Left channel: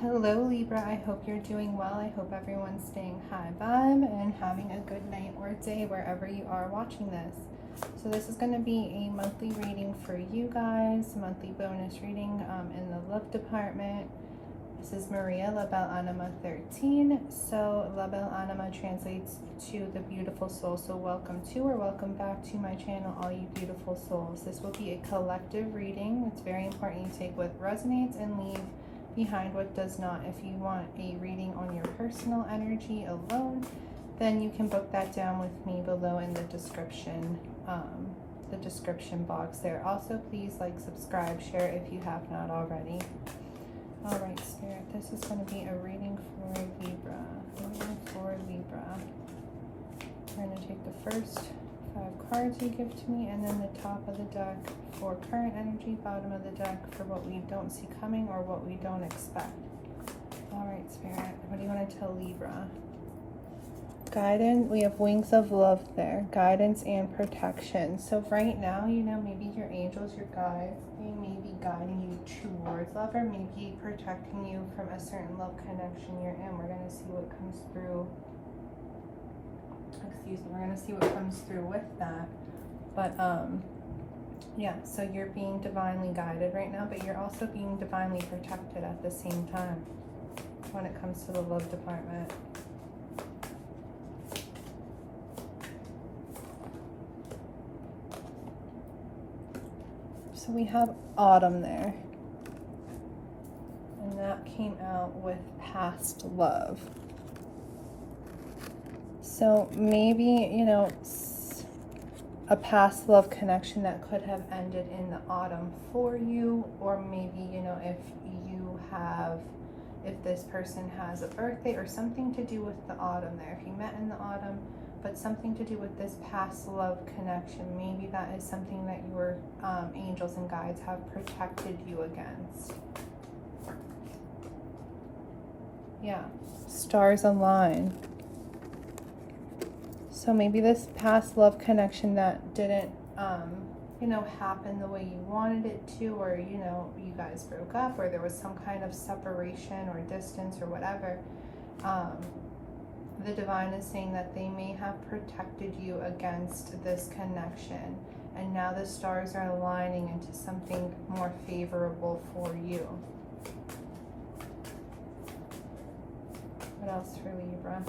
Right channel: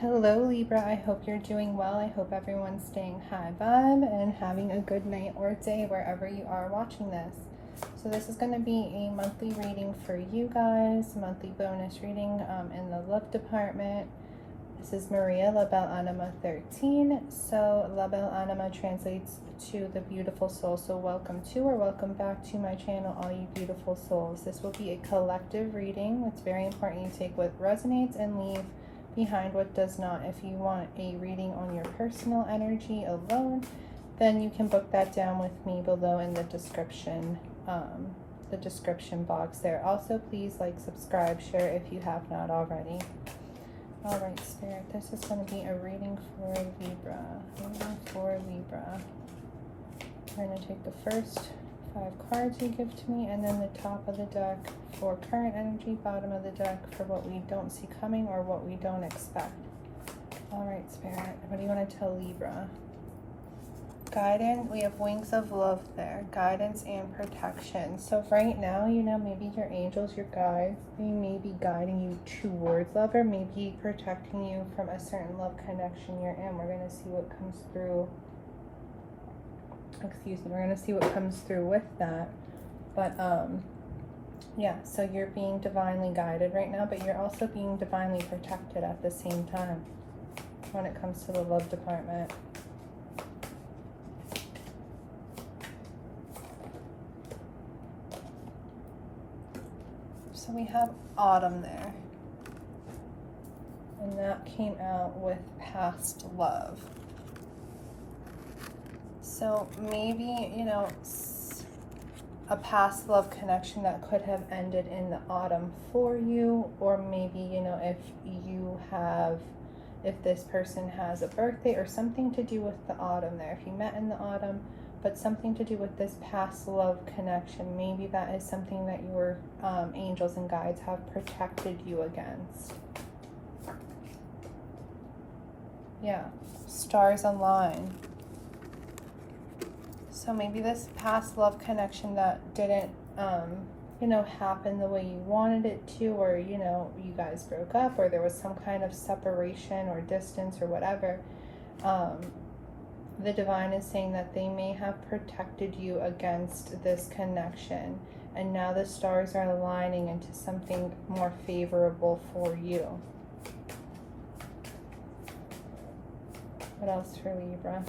Hello Libra, I hope you're doing well. I hope everyone's staying high vibe and having a good night or day wherever you are watching this. So this is going to be a monthly reading for you guys, monthly bonus reading in the love department. This is Maria La Belle Anima 13. So La Belle Anima translates to the beautiful soul. So welcome to or welcome back to my channel, all you beautiful souls. This will be a collective reading. It's very important you take what resonates and leave behind what does not. If you want a reading on your personal energy alone, then you can book that down with me below in the description box there. Also, please like, subscribe, share if you have not already. All right, Spirit, this is going to be a reading for Libra. We're going to take the first 5 cards you give to me, and then the top of the deck for current energy, bottom of the deck for what we don't see coming or what we don't expect. All right, Spirit, what do you want to tell Libra? Guidance, we have wings of love there, guidance and protection. So right now, you know, maybe your angels, your guides, they may be guiding you towards love, or maybe protecting you from a certain love connection you're in. We're going to see what comes through. We're going to see what comes through with that. But yeah, so you're being divinely guided right now, but you're also being divinely protected at the same time when it comes to the love department. So we have autumn there, and that came out with past love. So maybe, you know, a past love connection that could have ended in the autumn for you, or maybe, you know, if this person has a birthday or something to do with the autumn there. If you met in the autumn, but something to do with this past love connection, maybe that is something that your angels and guides have protected you against. Yeah, stars align. So maybe this past love connection that didn't, you know, happen the way you wanted it to, or, you know, you guys broke up, or there was some kind of separation or distance or whatever, the divine is saying that they may have protected you against this connection, and now the stars are aligning into something more favorable for you. What else for Libra?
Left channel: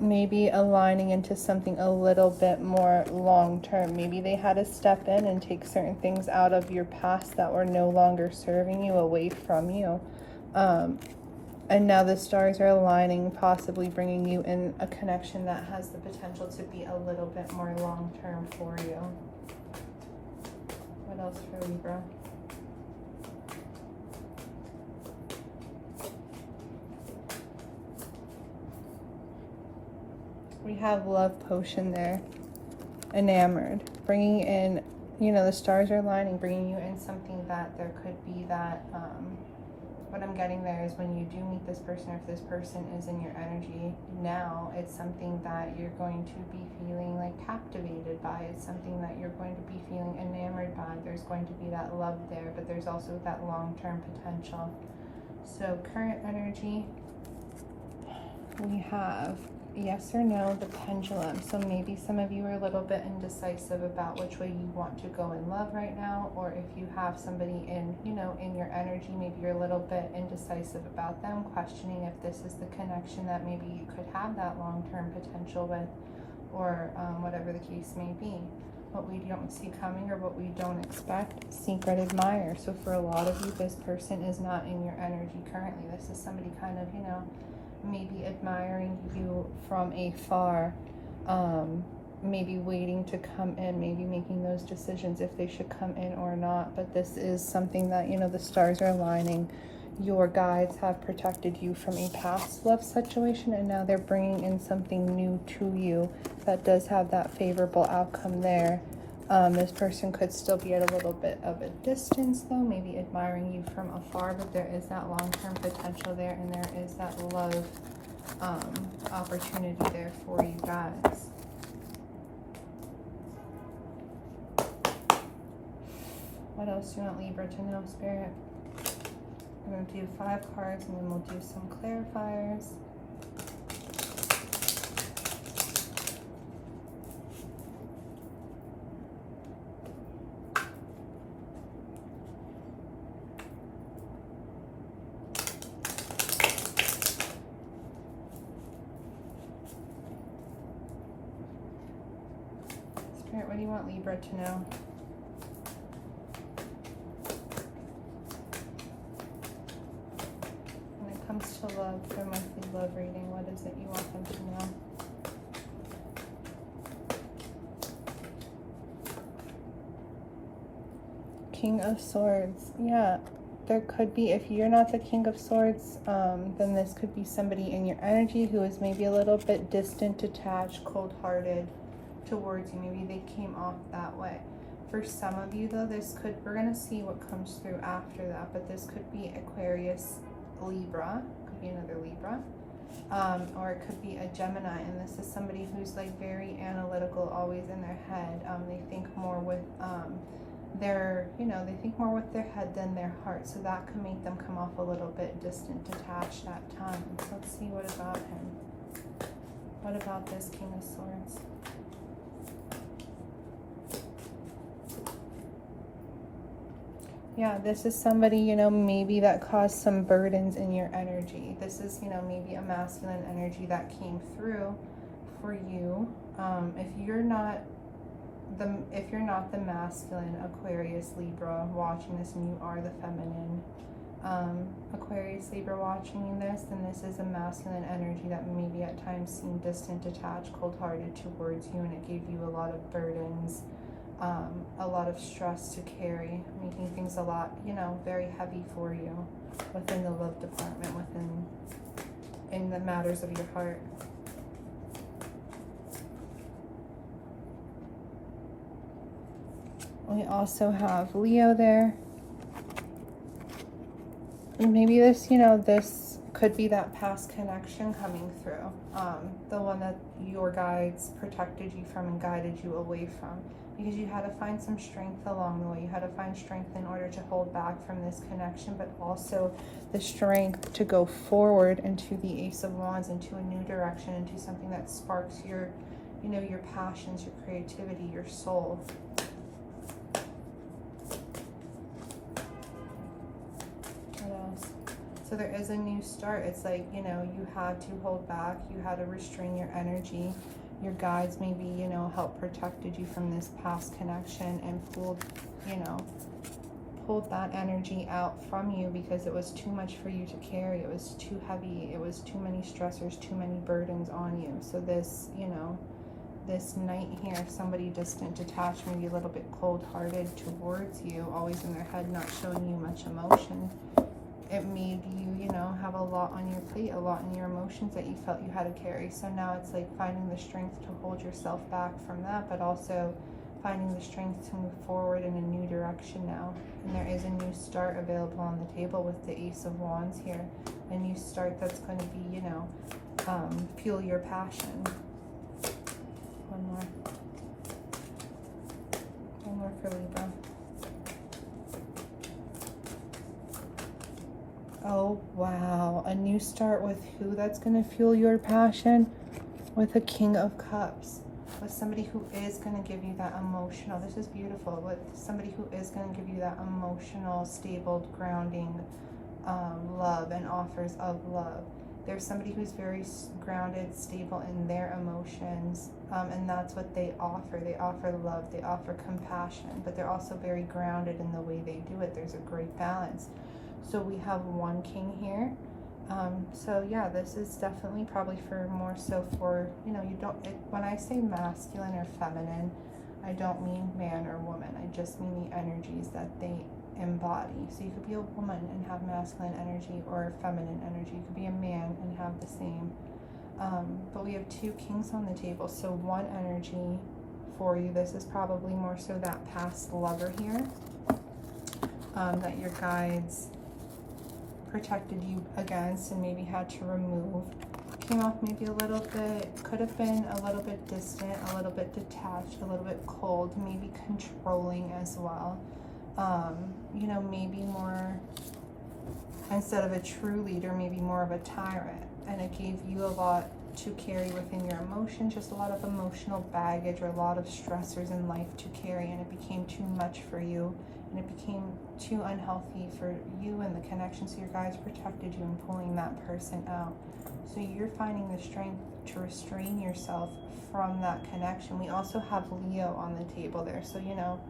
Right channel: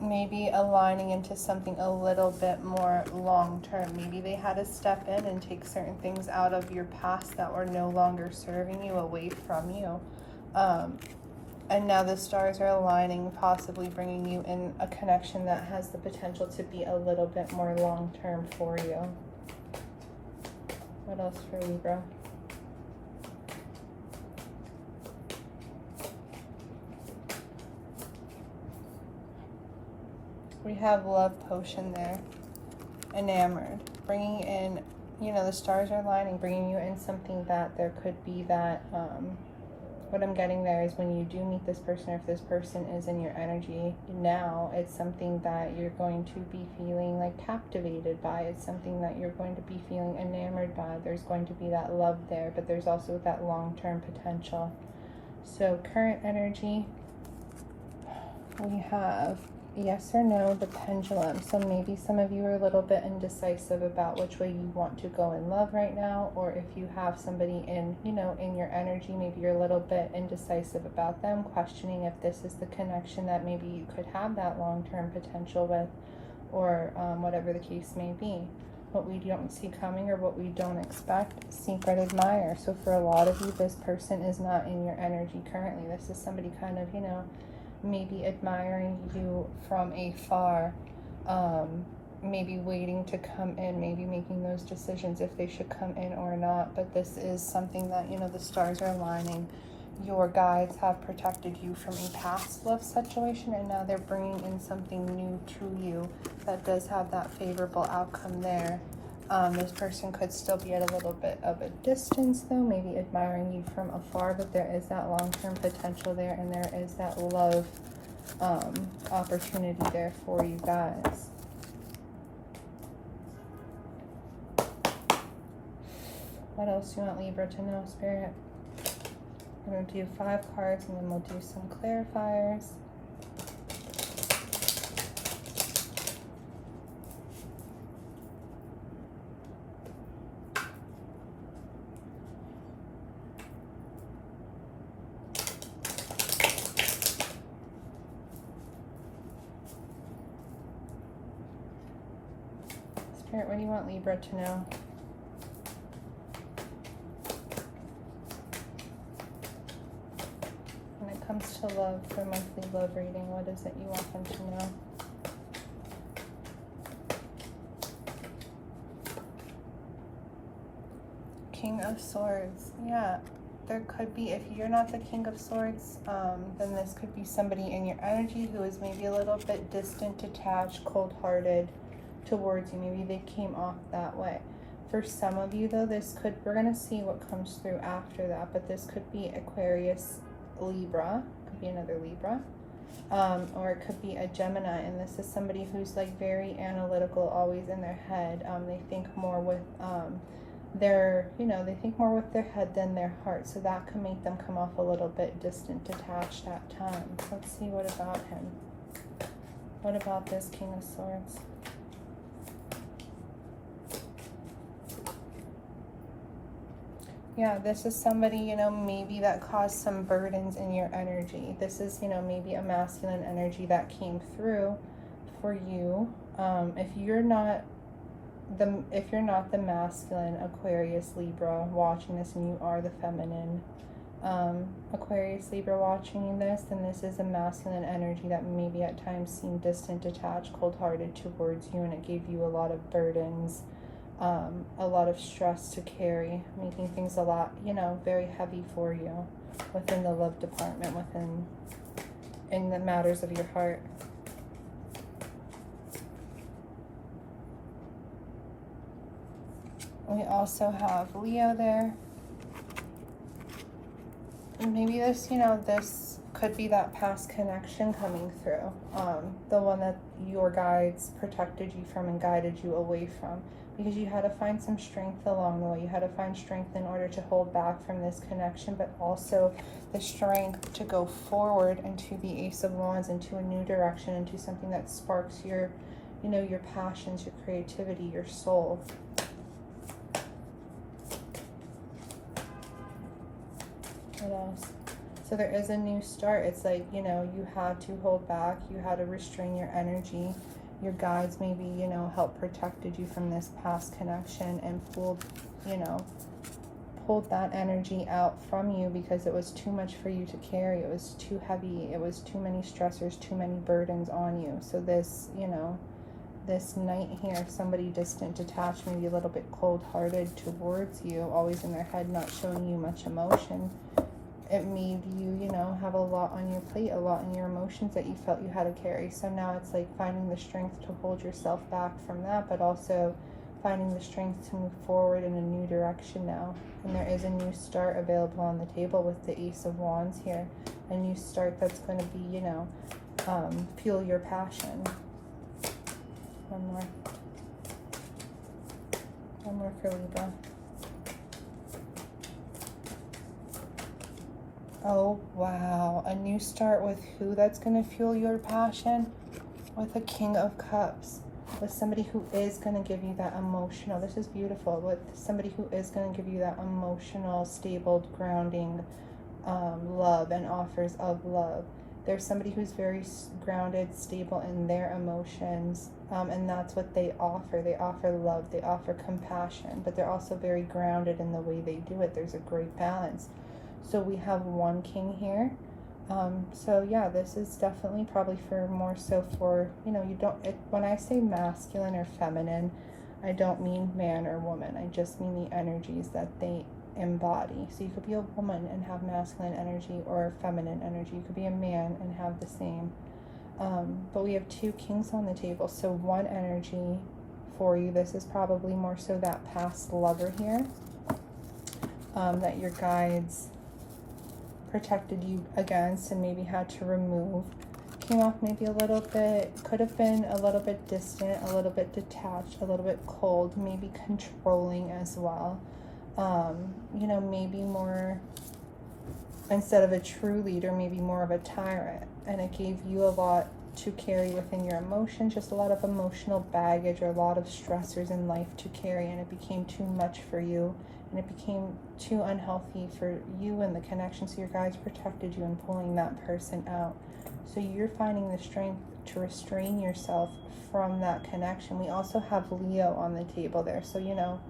Maybe aligning into something a little bit more long-term. Maybe they had to step in and take certain things out of your past that were no longer serving you, away from you. And now the stars are aligning, possibly bringing you in a connection that has the potential to be a little bit more long-term for you. What else for Libra? We have love potion there, enamored, bringing in, you know, the stars are aligning, bringing you in something that there could be that, what I'm getting there is when you do meet this person, or if this person is in your energy now, it's something that you're going to be feeling like captivated by. It's something that you're going to be feeling enamored by. There's going to be that love there, but there's also that long-term potential. So current energy, we have yes or no, the pendulum. So maybe some of you are a little bit indecisive about which way you want to go in love right now, or if you have somebody in, you know, in your energy, maybe you're a little bit indecisive about them, questioning if this is the connection that maybe you could have that long-term potential with, or whatever the case may be. What we don't see coming or what we don't expect, secret admirer. So for a lot of you, this person is not in your energy currently. This is somebody kind of, you know, maybe admiring you from afar, maybe waiting to come in, maybe making those decisions if they should come in or not. But this is something that, you know, the stars are aligning. Your guides have protected you from a past love situation, and now they're bringing in something new to you that does have that favorable outcome there. This person could still be at a little bit of a distance though, maybe admiring you from afar, but there is that long-term potential there, and there is that love opportunity there for you guys. What else do you want Libra to know, Spirit? We're going to do 5 cards and then we'll do some clarifiers. Spirit, what do you want Libra to know? When it comes to love, for monthly love reading, what is it you want them to know? King of Swords. Yeah, there could be, if you're not the King of Swords, then this could be somebody in your energy who is maybe a little bit distant, detached, cold-hearted towards you. Maybe they came off that way. For some of you though, this could, we're going to see what comes through after that, but this could be Aquarius, Libra, could be another Libra, or it could be a Gemini, and this is somebody who's like very analytical, always in their head. They think more with their, you know, they think more with their head than their heart, so that can make them come off a little bit distant, detached at times. Let's see what about him. What about this King of Swords? Yeah, this is somebody, you know, maybe that caused some burdens in your energy. This is, you know, maybe a masculine energy that came through for you. If you're not the masculine Aquarius, Libra watching this, and you are the feminine Aquarius, Libra watching this, then this is a masculine energy that maybe at times seemed distant, detached, cold-hearted towards you, and it gave you a lot of burdens. A lot of stress to carry, making things a lot, you know, very heavy for you within the love department, in the matters of your heart. We also have Leo there. And maybe this, you know, this could be that past connection coming through. The one that your guides protected you from and guided you away from. Because you had to find some strength along the way. You had to find strength in order to hold back from this connection, but also the strength to go forward into the Ace of Wands, into a new direction, into something that sparks your, you know, your passions, your creativity, your soul. What else? So there is a new start. It's like, you know, you had to hold back. You had to restrain your energy. Your guides maybe, you know, helped protected you from this past connection and pulled that energy out from you because it was too much for you to carry. It was too heavy. It was too many stressors, too many burdens on you. So this, you know, this Knight here, somebody distant, detached, maybe a little bit cold-hearted towards you, always in their head, not showing you much emotion. It made you, you know, have a lot on your plate, a lot in your emotions that you felt you had to carry. So now it's like finding the strength to hold yourself back from that, but also finding the strength to move forward in a new direction now. And there is a new start available on the table with the Ace of Wands here. A new start that's going to be, you know, fuel your passion. One more for Libra. Oh, wow. A new start with who that's going to fuel your passion? With a King of Cups. With somebody who is going to give you that emotional, this is beautiful, with somebody who is going to give you that emotional, stable, grounding love and offers of love. There's somebody who's very grounded, stable in their emotions, and that's what they offer. They offer love, they offer compassion, but they're also very grounded in the way they do it. There's a great balance. So we have one king here. So yeah, this is definitely probably for more so for, you know, you don't, when I say masculine or feminine, I don't mean man or woman. I just mean the energies that they embody. So you could be a woman and have masculine energy, or feminine energy. You could be a man and have the same. But we have two kings on the table. So one energy for you, this is probably more so that past lover here, that your guides protected you against and maybe had to remove. Came off maybe a little bit, could have been a little bit distant, a little bit detached, a little bit cold, maybe controlling as well. you know, maybe more, instead of a true leader, maybe more of a tyrant. And it gave you a lot to carry within your emotions, just a lot of emotional baggage or a lot of stressors in life to carry, and it became too much for you, and it became too unhealthy for you and the connection. So your guides protected you in pulling that person out. So you're finding the strength to restrain yourself from that connection. We also have Leo on the table there, so you know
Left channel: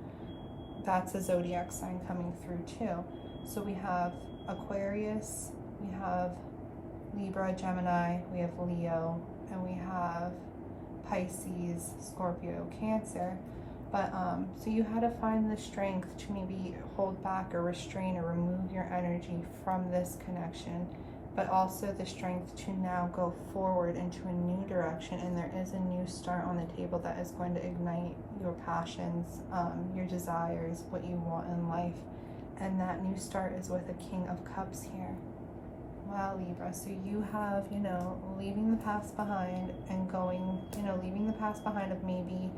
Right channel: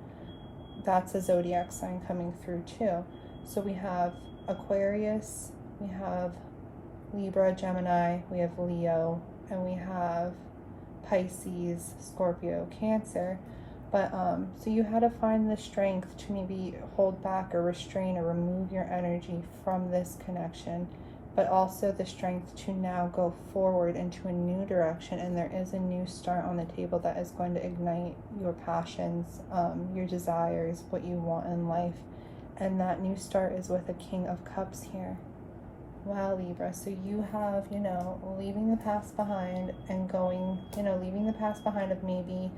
that's a zodiac sign coming through too. So we have Aquarius, we have Libra, Gemini, we have Leo, and we have Pisces, Scorpio, Cancer. But so you had to find the strength to maybe hold back or restrain or remove your energy from this connection, but also the strength to now go forward into a new direction. And there is a new start on the table that is going to ignite your passions, your desires, what you want in life. And that new start is with the King of Cups here. Wow, Libra. So you have, you know, leaving the past behind and going, you know, leaving the past behind of maybe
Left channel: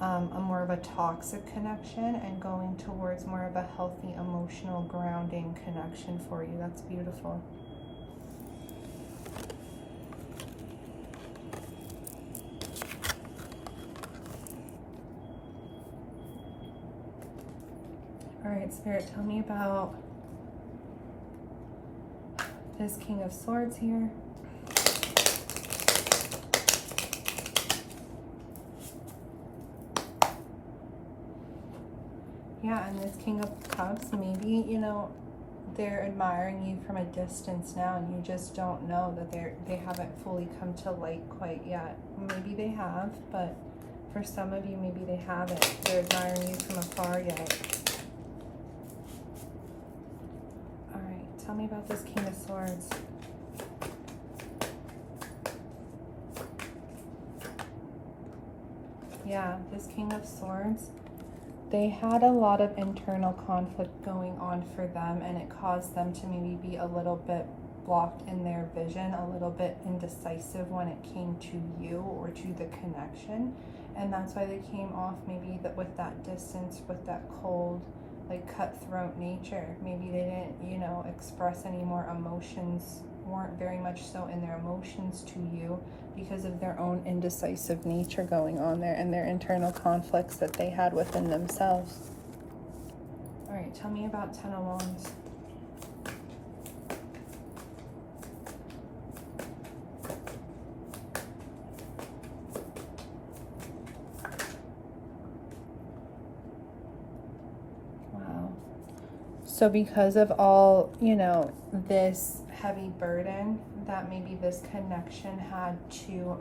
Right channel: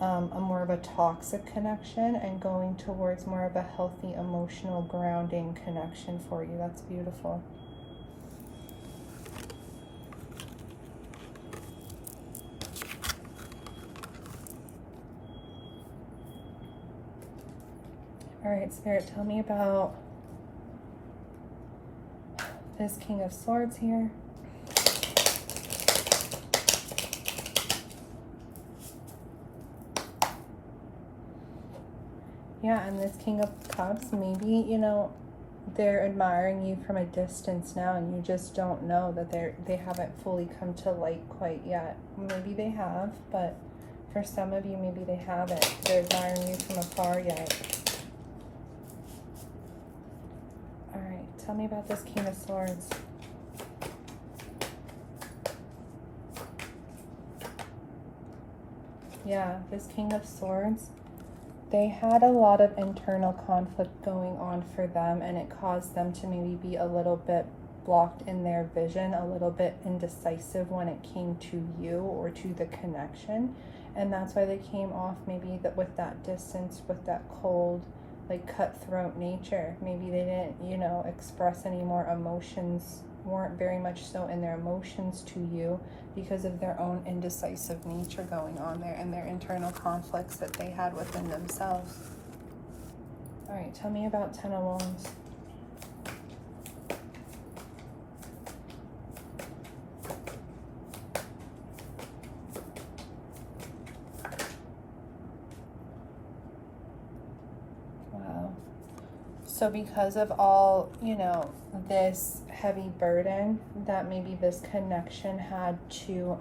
a more of a toxic connection and going towards more of a healthy, emotional, grounding connection for you. That's beautiful. All right, Spirit, tell me about this King of Swords here. Yeah, and this King of Cups, maybe, you know, they're admiring you from a distance now, and you just don't know that they haven't fully come to light quite yet. Maybe they have, but for some of you, maybe they haven't. They're admiring you from afar yet. Tell me about this King of Swords. Yeah, this King of Swords, they had a lot of internal conflict going on for them, and it caused them to maybe be a little bit blocked in their vision, a little bit indecisive when it came to you or to the connection. And that's why they came off maybe with that distance, with that cold, like cutthroat nature. Maybe they didn't, you know, express any more emotions, weren't very much so in their emotions to you because of their own indecisive nature going on there and their internal conflicts that they had within themselves. All right, tell me about Ten of Wands. So because of all, you know, this heavy burden that maybe this connection had to,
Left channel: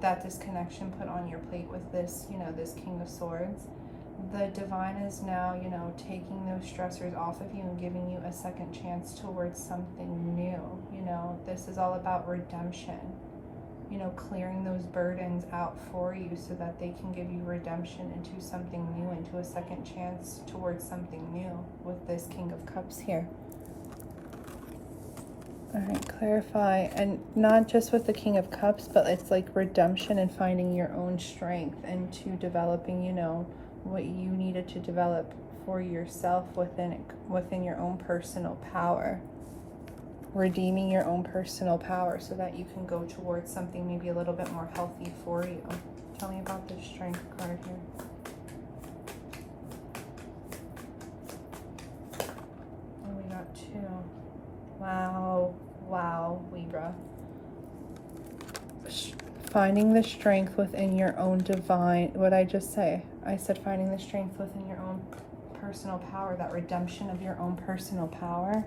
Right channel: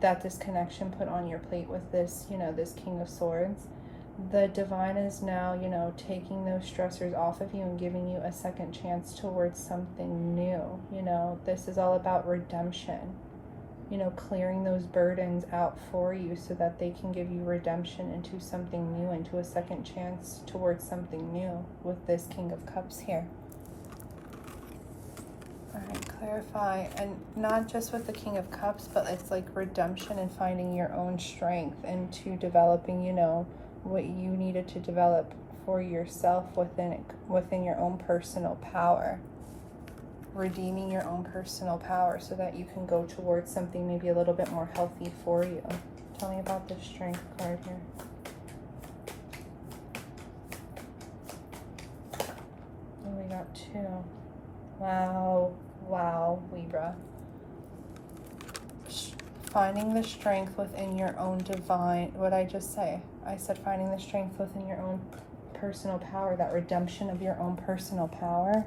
that this connection put on your plate with this, you know, this King of Swords, the divine is now, you know, taking those stressors off of you and giving you a second chance towards something new. You know, this is all about redemption. You know, clearing those burdens out for you so that they can give you redemption into something new, into a second chance towards something new with this King of Cups here. All right, clarify. And not just with the King of Cups, but it's like redemption and finding your own strength into developing, you know, what you needed to develop for yourself within your own personal power. Redeeming your own personal power so that you can go towards something maybe a little bit more healthy for you. Tell me about this strength card here. Oh, we got two. Wow, Libra. Finding the strength within your own divine, what I just say? I said finding the strength within your own personal power, that redemption of your own personal power.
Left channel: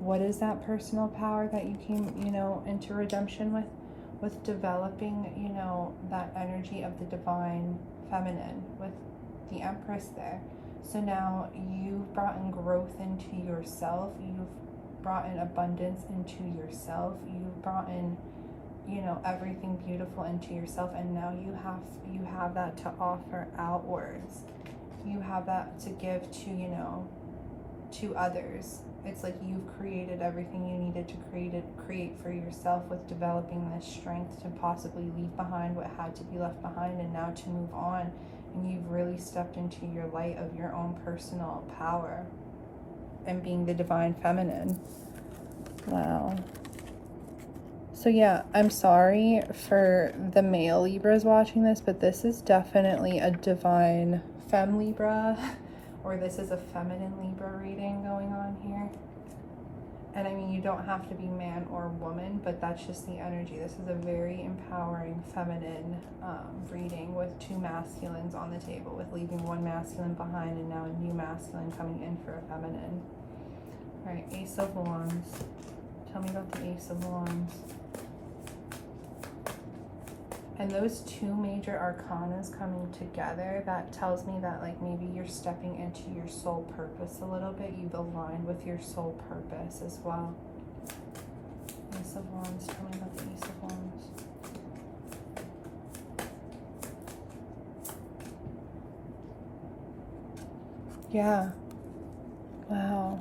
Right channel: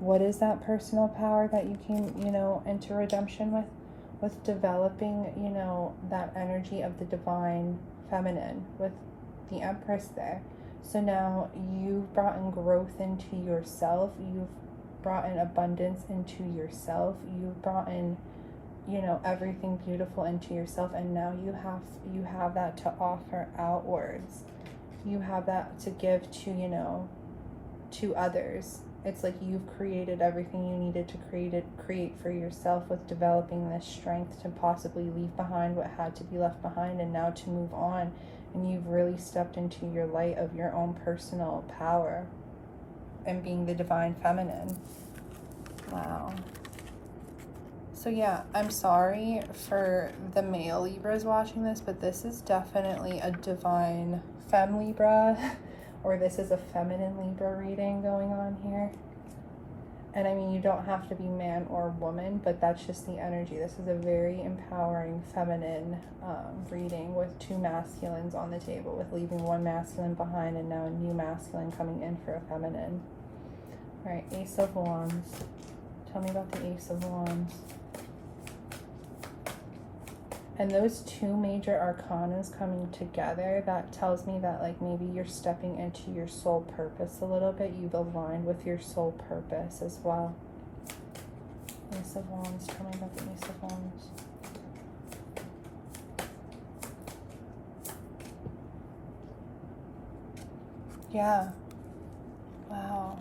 What is that personal power that you came, you know, into redemption with? With developing, you know, that energy of the divine feminine with the Empress there. So now you've brought in growth into yourself. You've brought in abundance into yourself. You've brought in, you know, everything beautiful into yourself. And now you have that to offer outwards. You have that to give to, you know, to others. It's like you've created everything you needed to create for yourself with developing this strength to possibly leave behind what had to be left behind and now to move on and you've really stepped into your light of your own personal power and being the divine feminine. Wow. So yeah, I'm sorry for the male Libras watching this, but this is definitely a divine femme Libra, or this is a feminine Libra reading going on here. And I mean, you don't have to be man or woman, but that's just the energy. This is a very empowering feminine reading with two masculines on the table, with leaving one masculine behind and now a new masculine coming in for a feminine. All right, Ace of Wands. Tell me about the Ace of Wands. And those two major arcanas coming together, that tells me that like maybe you're stepping into your soul purpose a little bit. You've aligned with your soul purpose as well. Ace of Wands. Tell me about the Ace of Wands. Yeah. Wow.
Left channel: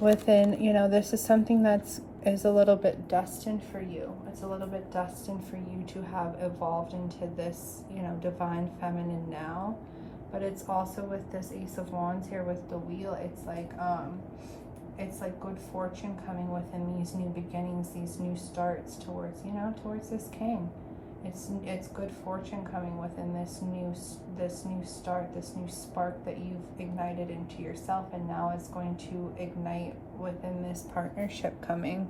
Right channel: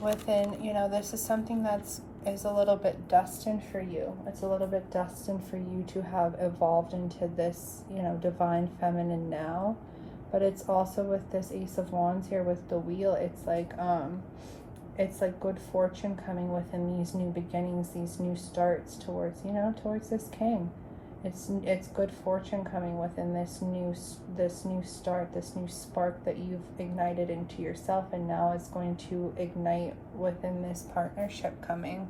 Within, you know, this is something that's is a little bit destined for you. It's a little bit destined for you to have evolved into this, you know, divine feminine now. But it's also with this Ace of Wands here with the wheel, it's like good fortune coming within these new beginnings, these new starts towards, you know, towards this king. It's good fortune coming within this new start, this new spark that you've ignited into yourself, and now it's going to ignite within this partnership coming.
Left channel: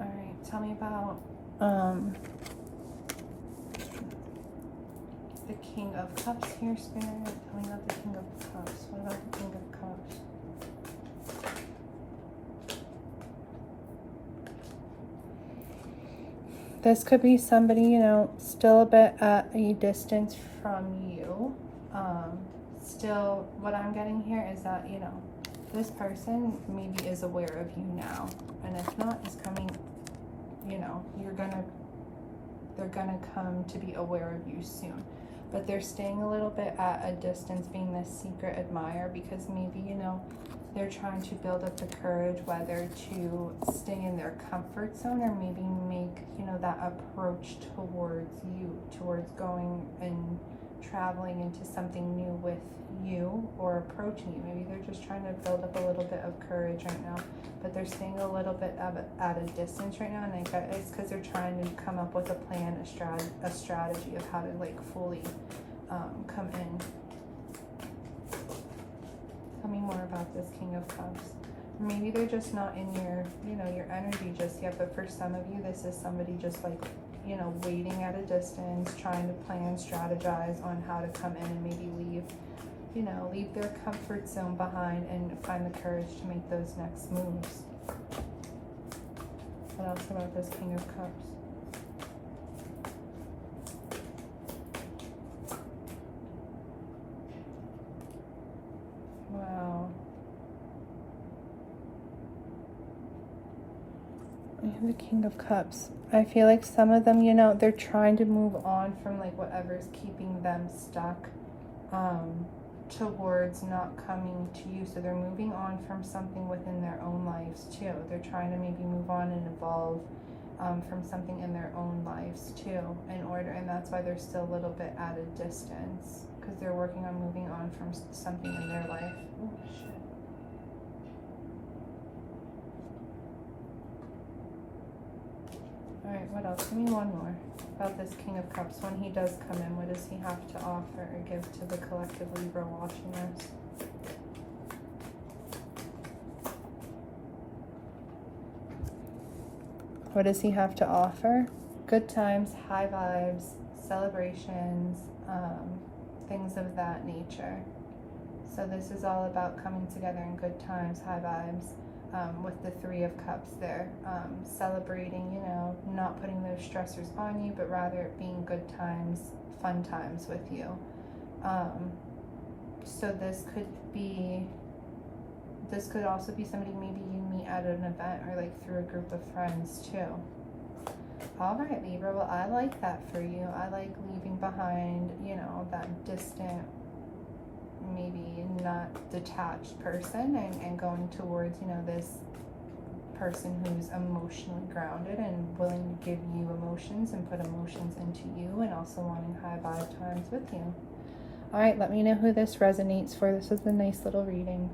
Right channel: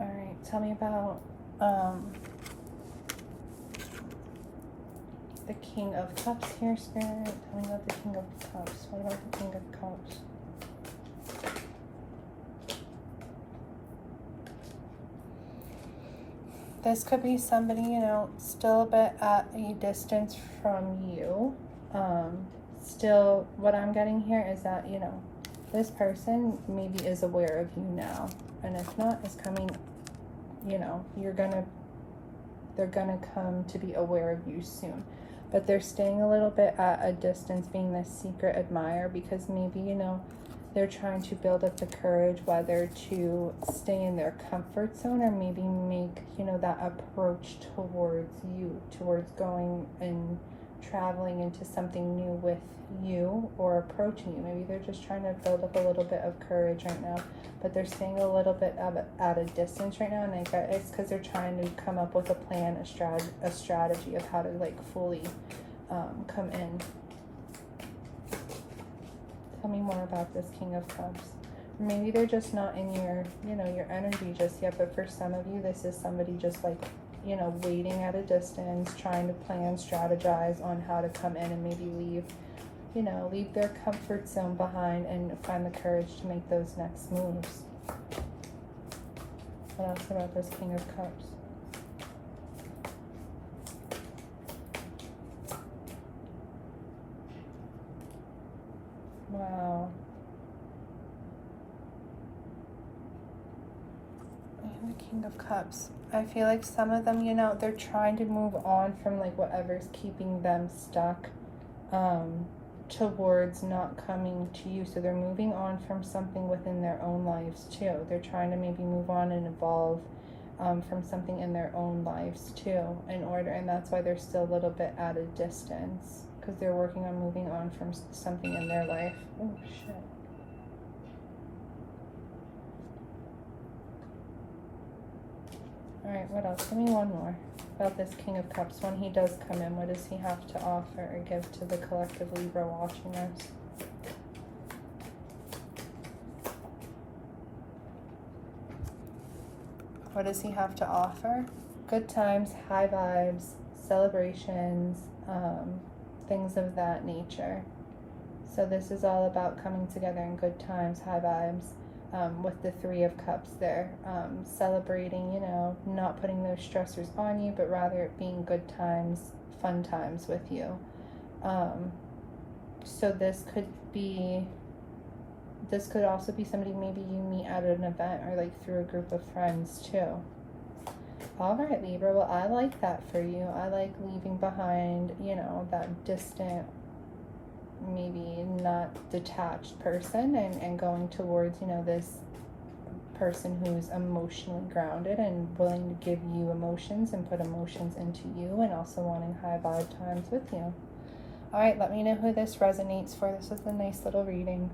All right, tell me about the King of Cups here, Spirit. Tell me about the King of Cups. What about the King of Cups? This could be somebody, you know, still a bit at a distance from you. Still, what I'm getting here is that, you know, this person maybe is aware of you now. And if not, is coming, you know, they're gonna come to be aware of you soon. But they're staying a little bit at a distance, being this secret admirer, because maybe, you know, they're trying to build up the courage whether to stay in their comfort zone or maybe make, you know, that approach towards you, towards going and traveling into something new with you or approaching you. Maybe they're just trying to build up a little bit of courage right now, but they're staying a little bit at a distance right now, and I bet it's because they're trying to come up with a plan, a strategy of how to like fully come in. Tell me more about this King of Cups. Maybe they're just not in your, you know, your energy just yet, but for some of you, this is somebody just like, you know, waiting at a distance, trying to plan, strategize on how to come in and maybe leave, you know, leave their comfort zone behind and find the courage to make those next moves. What else about this King of Cups? Wow. And the King of Cups. I feel like some of them, you know, they're trying to move on from like whatever's keeping them stuck towards not coming to you. So they're moving on from something within their own lives too. They're trying to maybe move on and evolve from something in their own lives too, in order, and that's why they're still a little bit at a distance, because they're working on moving on from something in their life. Oh shit. Alright, what else? Give me one more about this King of Cups. When he does come in, what does he have to offer or give to the collective Libra watching us? What does he have to offer? Good times, high vibes, celebrations, things of that nature. So this is all about coming together in good times, high vibes, with the Three of Cups there. Celebrating, you know, not putting those stressors on you, but rather it being good times, fun times with you. So this could also be somebody maybe you meet at an event or like through a group of friends too. All right, Libra, well, I like that for you. I like leaving behind, you know, that distant, maybe not detached person and going towards, you know, this person who's emotionally grounded and willing to give you emotions and put emotions into you, and also wanting high vibe times with you. All right, let me know who this resonates for. This was a nice little reading.